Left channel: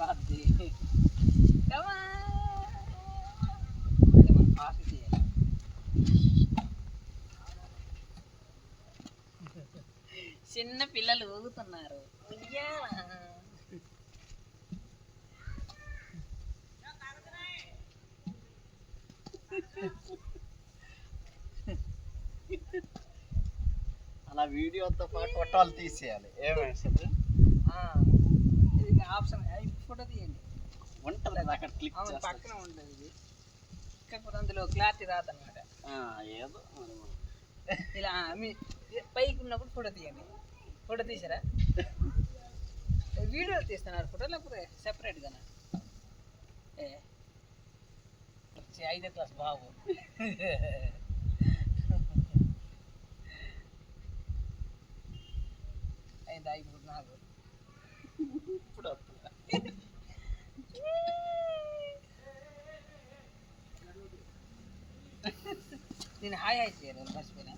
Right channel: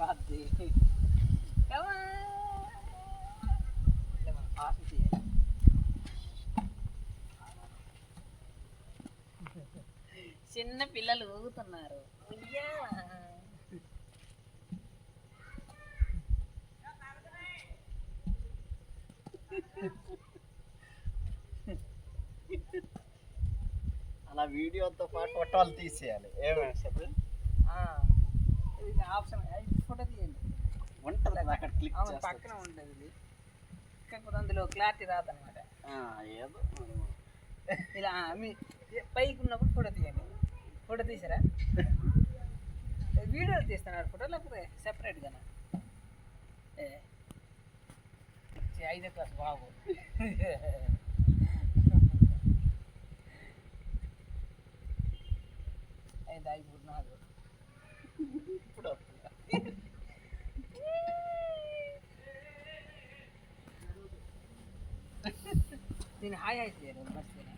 వాద్ది pass చేయాలి. చిన్న పిల్లలు ఊగుతున్నారు. అలా వీడియోతో పాటు ఫోటోలు తీసేయాలి. ఏమేసారు ఇది ఆప్షన్ ఫోటో తీయండి ఉంటుంది అక్కడ క్లిక్ అవును పక్కన ఉంటుంది ఇది. కాకపోతే అందులో క్లారిటీ రాదనమాట. ఏదో ఇలా మీ పైకి ఉన్నప్పుడు ఫోటో తీయండి. ఫోటో తీసారా? వీడియో తీస్తున్నారు ఫోటో లేకపోతే సెపరేట్గానా? 5వ క్లాస్ బాబు అయిందా ఇప్పుడు నాకు ఇప్పుడు నేను హాయ్ హాయ్ చేయాలి మర్చిపోయినా.